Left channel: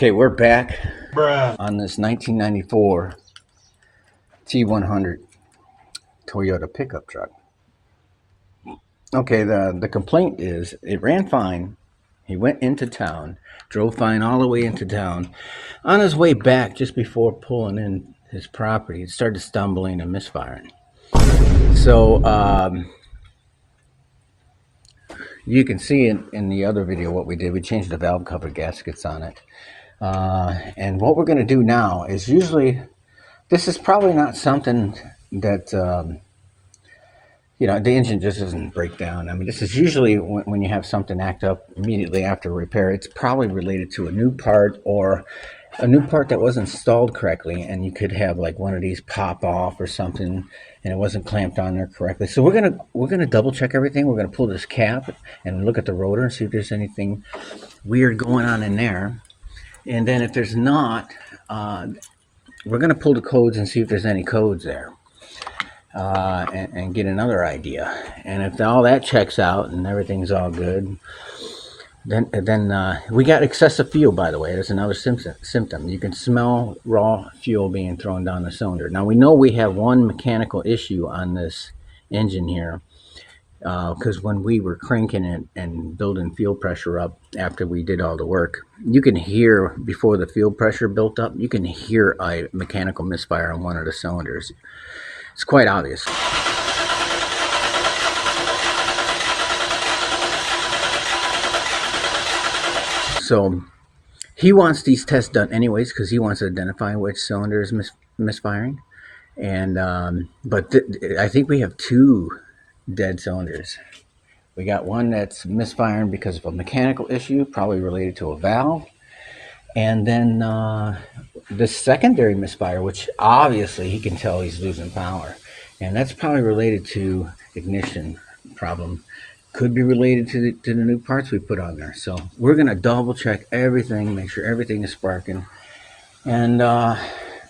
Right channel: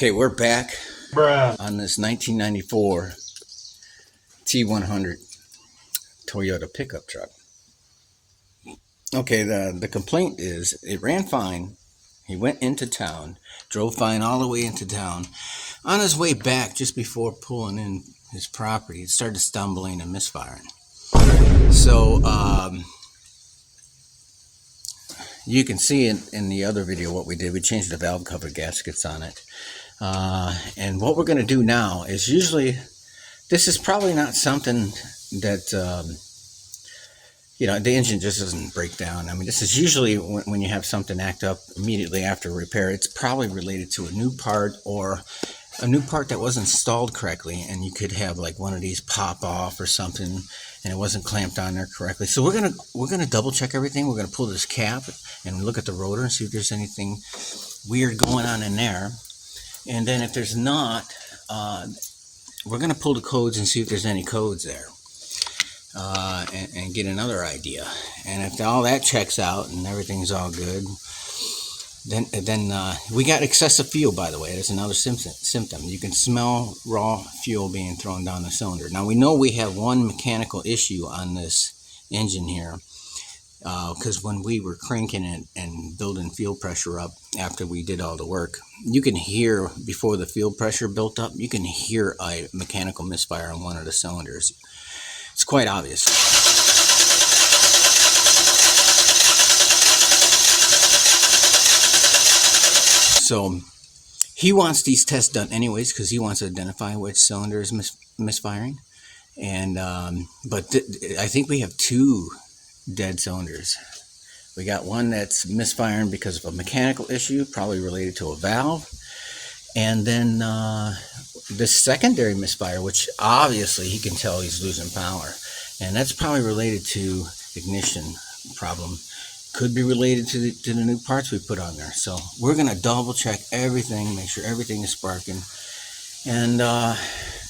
Okay, we're back on this 1994 T100 Toyota pickup truck. Okay, the complaint is it ran fine. He went into town, drove fine all the way into town. On his way back, just before pulling in his property, it started stumbling and misfiring. So you can see in the other video what we did. We changed the valve cover gaskets on it. And what we're going to do now is this is probably not something that, the engine just doesn't break down. I mean, this is usually when you have something act up immediately after repair. It's probably related to a new part or a new part that wasn't installed correctly, and you could have like one of these pop off or something and it wasn't clamped on there correctly. So we're gonna double check everything. We're gonna pull this cap and look at the rotor and see if there's anything weird going on in there. And then if there's not, we're going to pull the codes and see if there's any codes there, and get another idea. And if all that checks out and everything's all good, then we got excessive fuel, by the way. That's another symptom. You can smell raw fuel being thrown down the cylinder. Now we know we have one mechanical issue on this engine here. Because when we were cranking it and building fuel pressure up after we did all the work, you can hear, before the fuel pressure built up, you can hear a mechanical misfire on one of the cylinders. It's quite obvious. So he wants these tests done anyways because he wants to identify which cylinder is misfiring. And but I think we have two dead cylinders. We got one that's misfiring because of a mechanical issue, probably related to a valve, and then the secondary misfire, which obviously he can tell he's losing power, and that's probably related to ignition problem. Could be related to the new parts we put on there. So we're gonna double check everything, make sure everything is sparking, and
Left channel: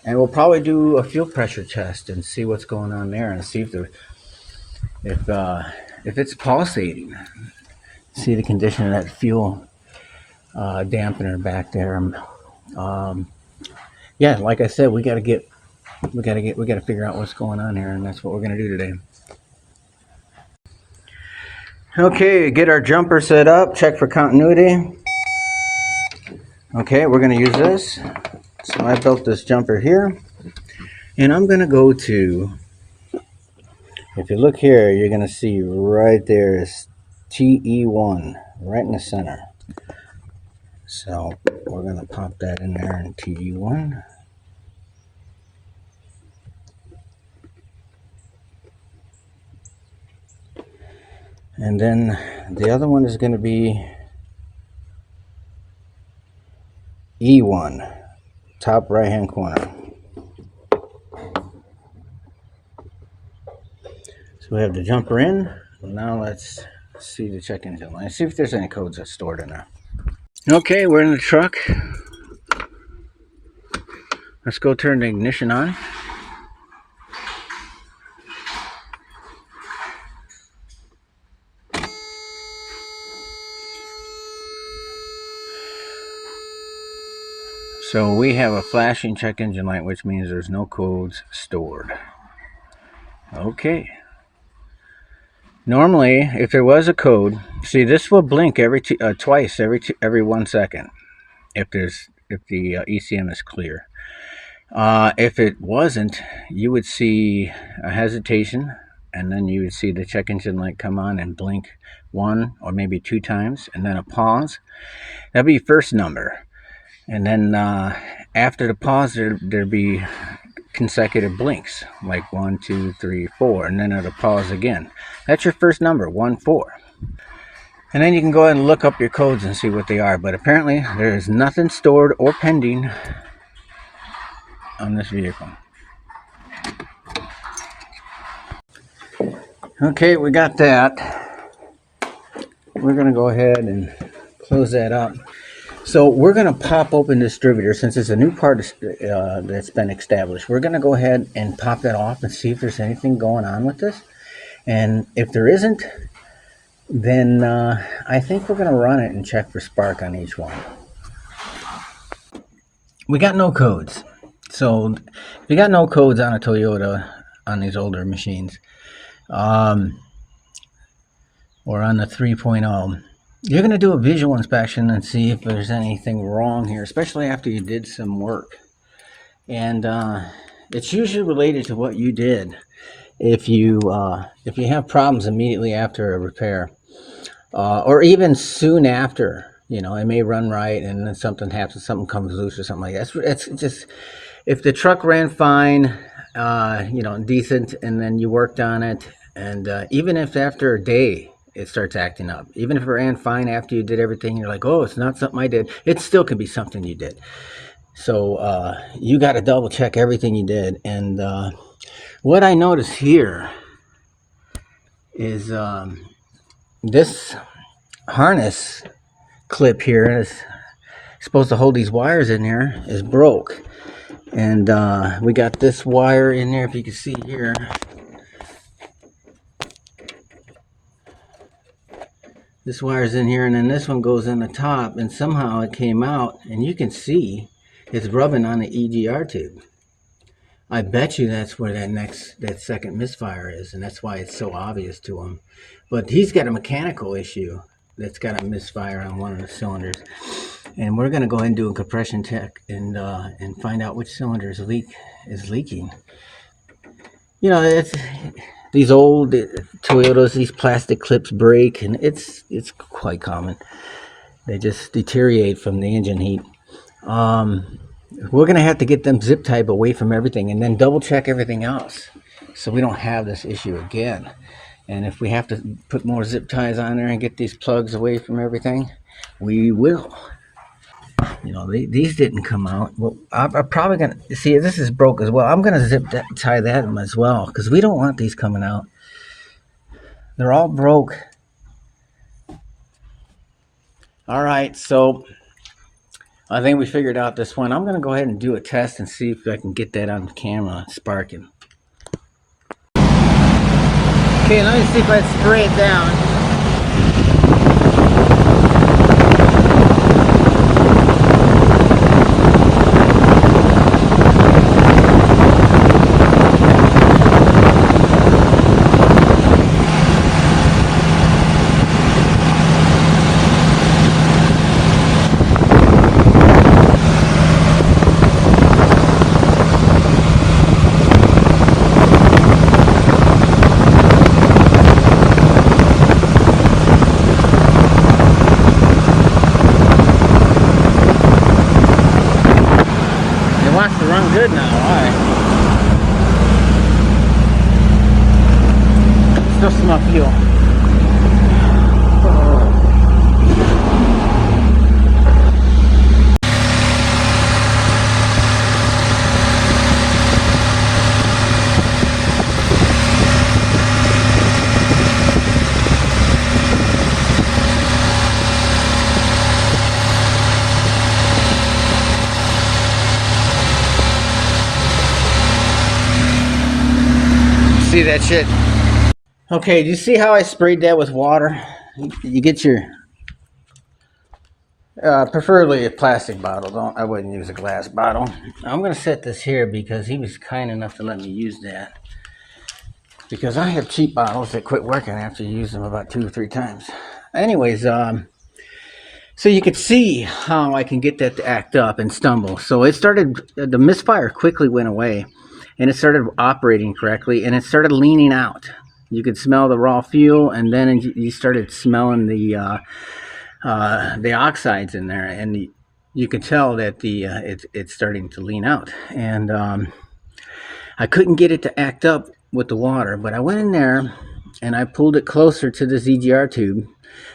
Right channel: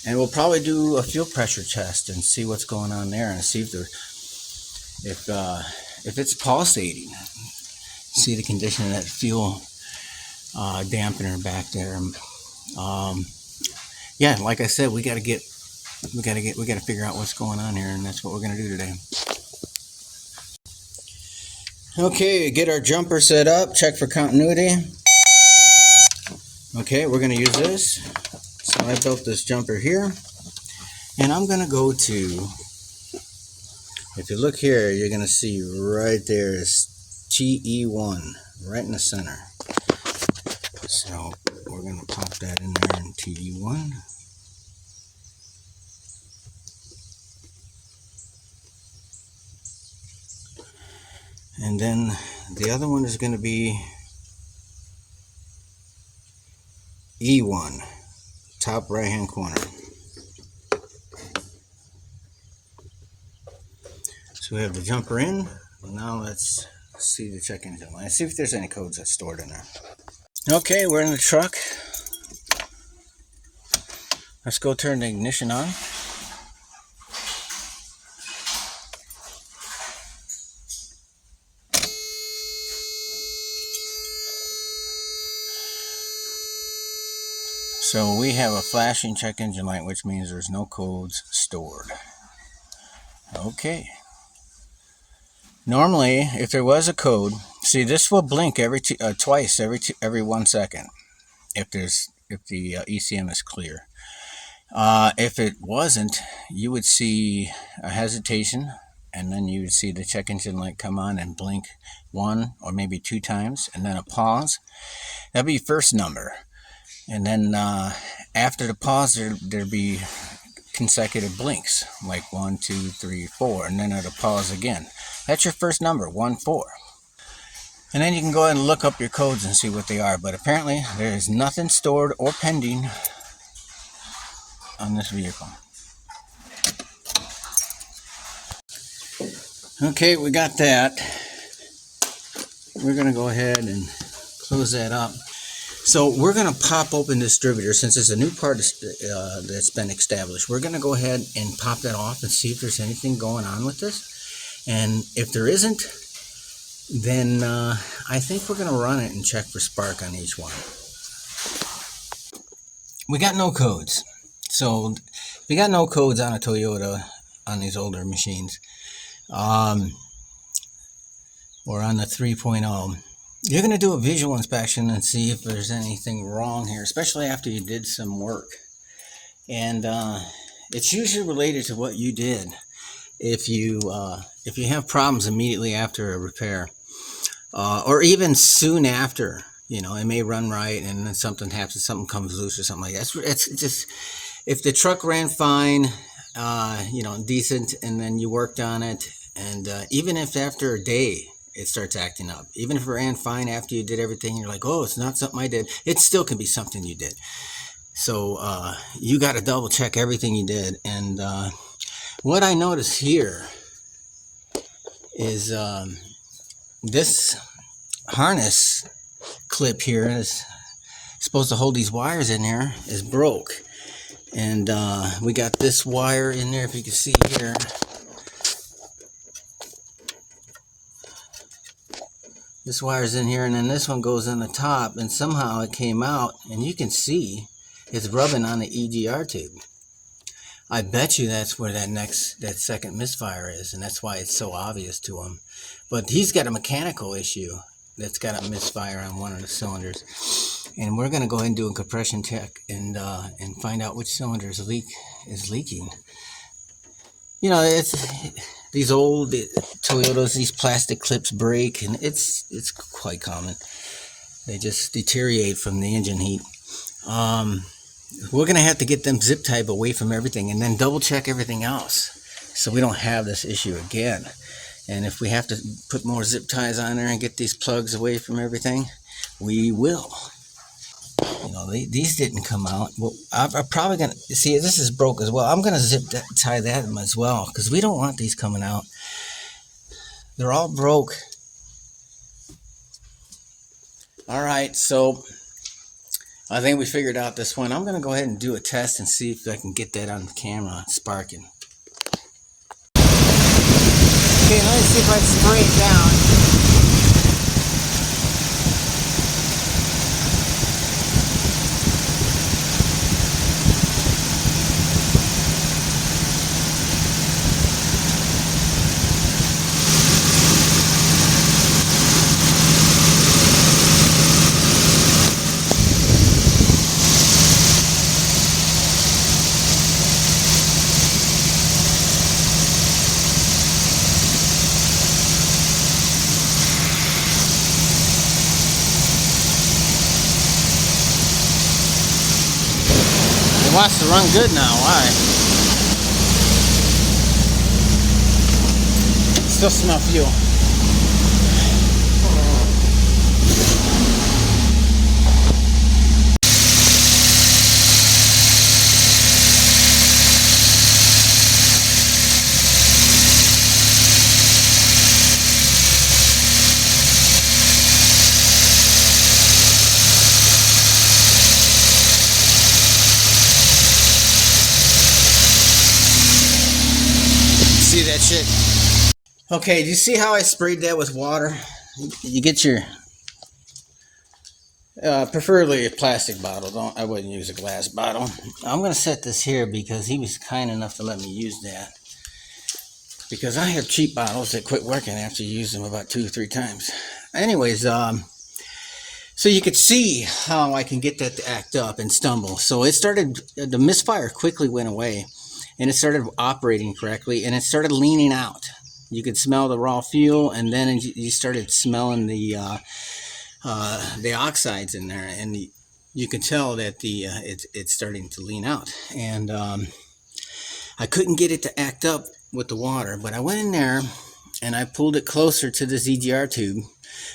we'll probably do a fuel pressure test and see what's going on there and see if it's pulsating. See the condition of that fuel dampener back there. Yeah, like I said, we gotta figure out what's going on here, and that's what we're gonna do today. Okay, get our jumper set up, check for continuity. Okay, we're gonna use this. So I built this jumper here, and I'm gonna go to, if you look here, you're going to see right there is TE1 right in the center. So we're going to pop that in there in TE1. And then the other one is going to be E1, top right hand corner. So we have the jumper in. Now let's see the check engine light. See if there's any codes that's stored in there. Okay, we're in the truck. Let's go turn the ignition on. So we have a flashing check engine light, which means there's no codes stored. Okay. Normally, if there was a code, see, this will blink twice every 1 second if the ECM is clear. If it wasn't, you would see a hesitation, and then you would see the check engine light come on and blink 1 or maybe 2 times, and then a pause. That'd be first number, and then after the pause, there'd be consecutive blinks, like 1, 2, 3, 4, and then it'll pause again. That's your first number, 1, 4. And then you can go ahead and look up your codes and see what they are. But apparently there is nothing stored or pending on this vehicle. Okay, we got that. We're going to go ahead and close that up. So we're going to pop open the distributor since it's a new part that's been established. We're going to go ahead and pop that off and see if there's anything going on with this. And if there isn't, then I think we're going to run it and check for spark on each one. we got no codes. So if you got no codes on a Toyota on these older machines, or on the 3.0, you're going to do a visual inspection and see if there's anything wrong here, especially after you did some work. And it's usually related to what you did. If you have problems immediately after a repair, or even soon after, it may run right and then something happens, something comes loose or something like that. It's just, if the truck ran fine, decent, and then you worked on it, and even if after a day it starts acting up, even if it ran fine after you did everything, you're like, oh, it's not something I did, it still can be something you did. So you got to double check everything you did. And what I notice here is this harness clip here is supposed to hold these wires in there is broke. And we got this wire in there, if you can see here. This wire's in here, and then this one goes on the top, and somehow it came out, and you can see it's rubbing on the EGR tube. I bet you that's where that second misfire is, and that's why it's so obvious to him. But he's got a mechanical issue that's got a misfire on one of the cylinders, and we're going to go ahead and do a compression check and find out which cylinder is leaking. It's these old Toyotas, these plastic clips break, and it's quite common. They just deteriorate from the engine heat. We're going to have to get them zip tied away from everything and then double check everything else so we don't have this issue again. And if we have to put more zip ties on there and get these plugs away from everything, we will. These didn't come out. Well, I'm probably going to, see, this is broke as well. I'm going to zip tie that as well, because we don't want these coming out. They're all broke. All right, so I think we figured out this one. I'm going to go ahead and do a test and see if I can get that on camera sparking. Okay, let me see if I spray it down. Wants to run good now, why? Still smell fuel. See that shit? Okay, do you see how I sprayed that with water? You get your preferably a plastic bottle. I wouldn't use a glass bottle. I'm going to set this here because he was kind enough to let me use that, because I have cheap bottles that quit working after you use them about 2 or 3 times. Anyways, so you could see how I can get that to act up and stumble. So it started, the misfire quickly went away, and it started operating correctly, and it started leaning out. You could smell the raw fuel, and then you started smelling the oxides in there, and you could tell that it's starting to lean out. And I couldn't get it to act up with the water, but I went in there and I pulled it closer to the EGR tube,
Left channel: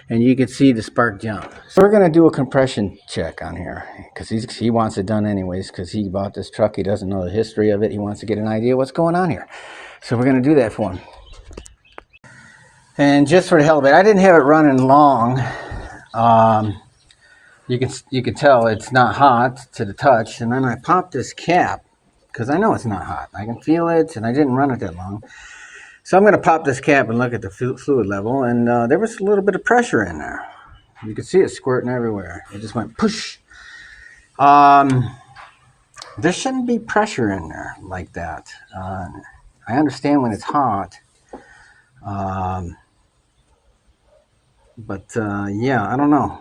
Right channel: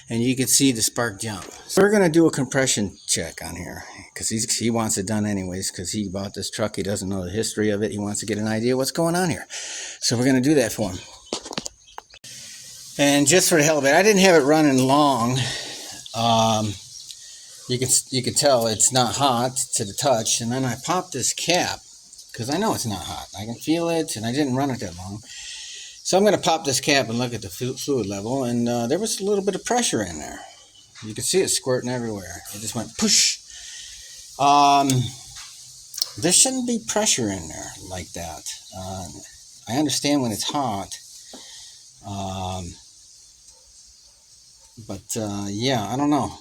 and you could see the spark jump. So we're gonna do a compression check on here, because he wants it done anyways, because he bought this truck. He doesn't know the history of it. He wants to get an idea what's going on here. So we're gonna do that for him. And just for the hell of it, I didn't have it running long. You can tell it's not hot to the touch. And then I popped this cap, because I know it's not hot. I can feel it, and I didn't run it that long. So I'm going to pop this cap and look at the fluid level, and there was a little bit of pressure in there. You could see it squirting everywhere. It just went push. there shouldn't be pressure in there like that. I understand when it's hot, um, but yeah, I don't know.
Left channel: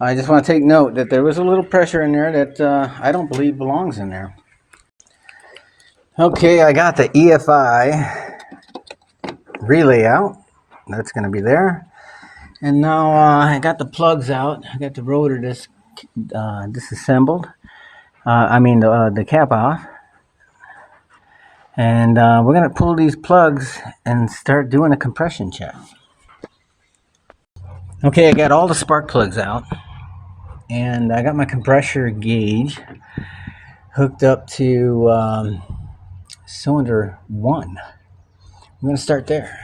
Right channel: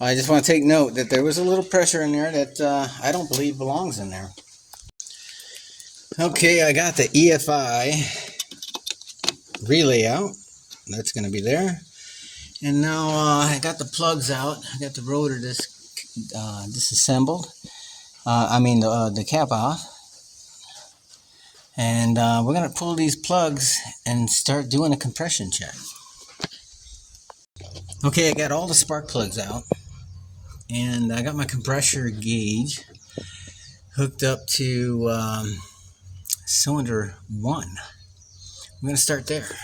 I just want to take note that there was a little pressure in there that I don't believe belongs in there. Okay, I got the EFI relay out. That's going to be there. And now I got the plugs out. I got the rotor disassembled. The cap off. And we're going to pull these plugs and start doing a compression check. Okay, I got all the spark plugs out. And I got my compressor gauge hooked up to cylinder 1. I'm going to start there.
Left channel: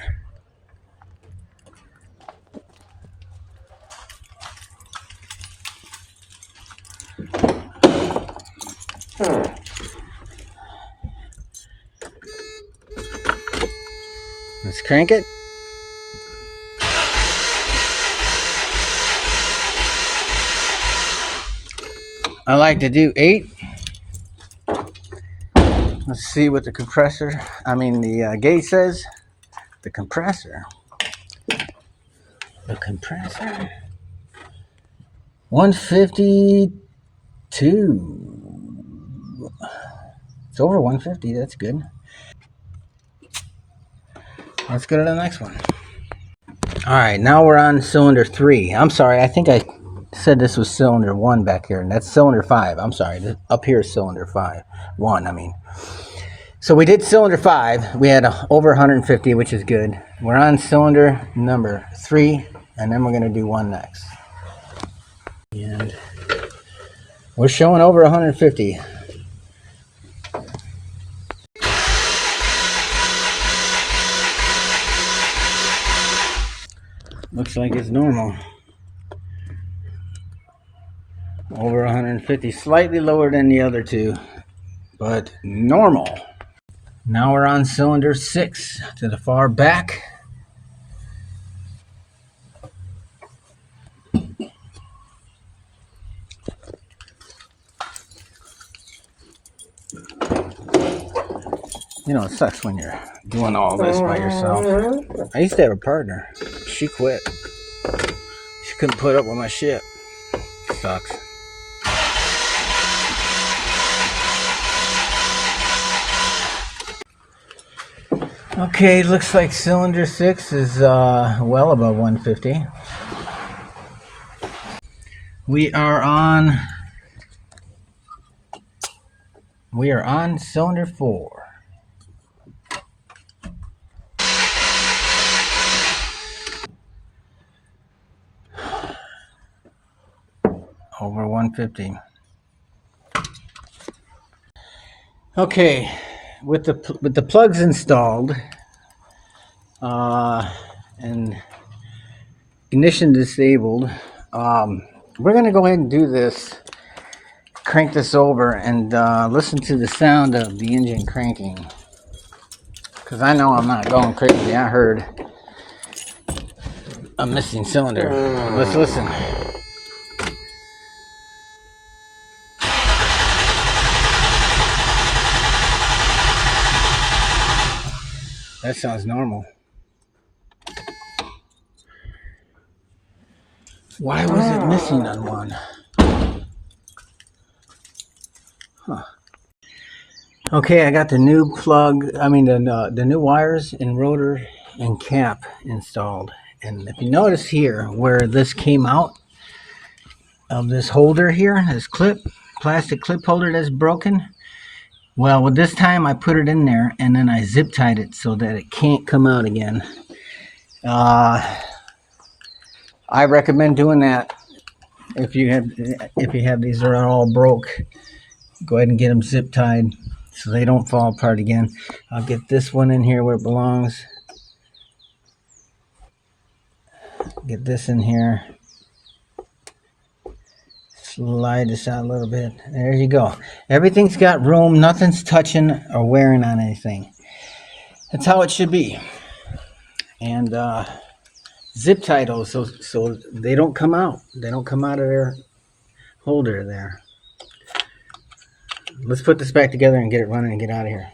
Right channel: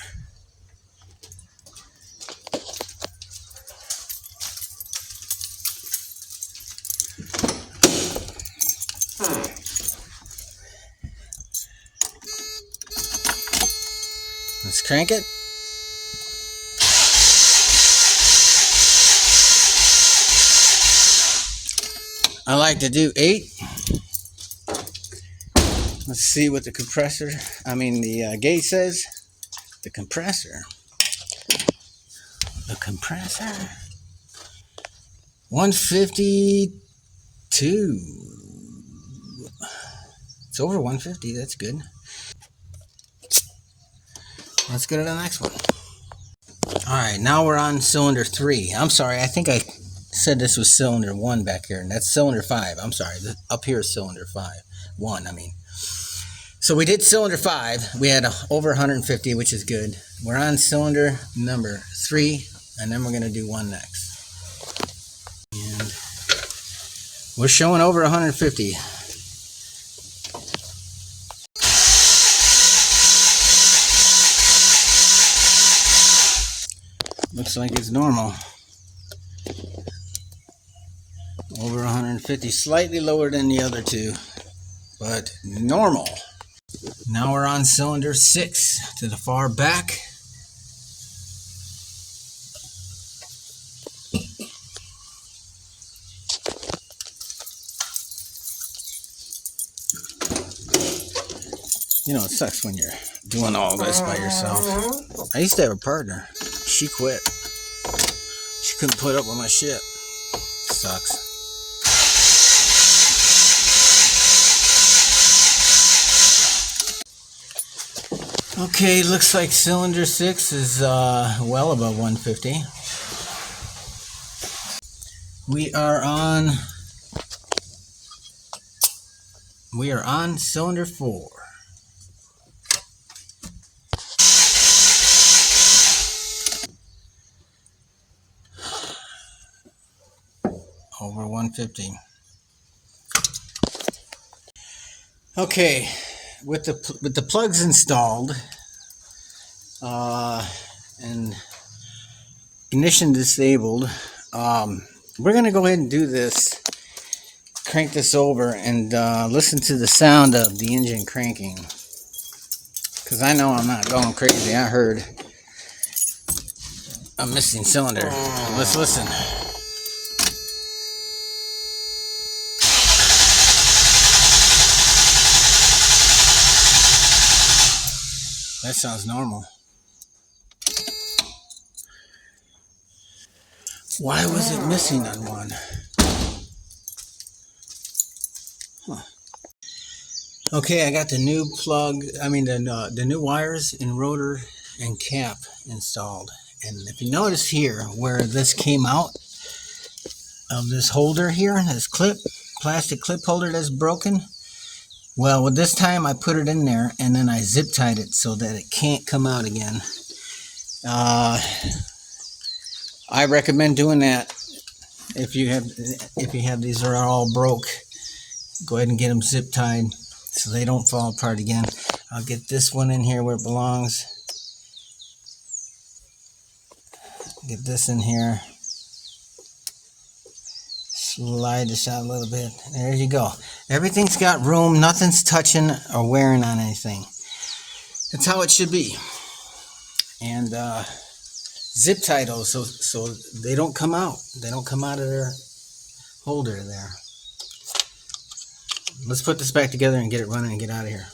Let's crank it. I like to do 8. Let's see what the gauge says. The compressor. 152. It's over 150. That's good. Let's go to the next one. All right, now we're on cylinder 3. I'm sorry, I think I said this was cylinder 1 back here, and that's cylinder 5. I'm sorry, up here is cylinder 5. 1, I mean. So we did cylinder 5. We had over 150, which is good. We're on cylinder number 3, and then we're going to do 1 next. And we're showing over 150. Looks like it's normal. Over 150, slightly lower than the other two, but normal. Now we're on cylinder 6 to the far back. You know, it sucks when you're doing all this by yourself. I used to have a partner. She quit. She couldn't put up with my shit. Sucks. Okay, looks like cylinder 6 is well above 150. We are on cylinder 4. Over 150. Okay, with the plugs installed and ignition disabled, we're gonna go ahead and do this. Crank this over and listen to the sound of the engine cranking, because I know I'm not going crazy. I heard a missing cylinder. Let's listen. That sounds normal. Why was it missing on one? Huh. Okay, I got the new the new wires and rotor and cap installed. And if you notice here where this came out of this holder here, this plastic clip holder that's broken, well, with this time I put it in there and then I zip tied it so that it can't come out again. I recommend doing that if you have these are all broke. Go ahead and get them zip tied so they don't fall apart again. I'll get this one in here where it belongs. Get this in here. Slide this out a little bit. There you go. Everything's got room. Nothing's touching or wearing on anything. That's how it should be. And zip tie those so they don't come out. They don't come out of their holder there. let's put this back together and get it running and get out of here.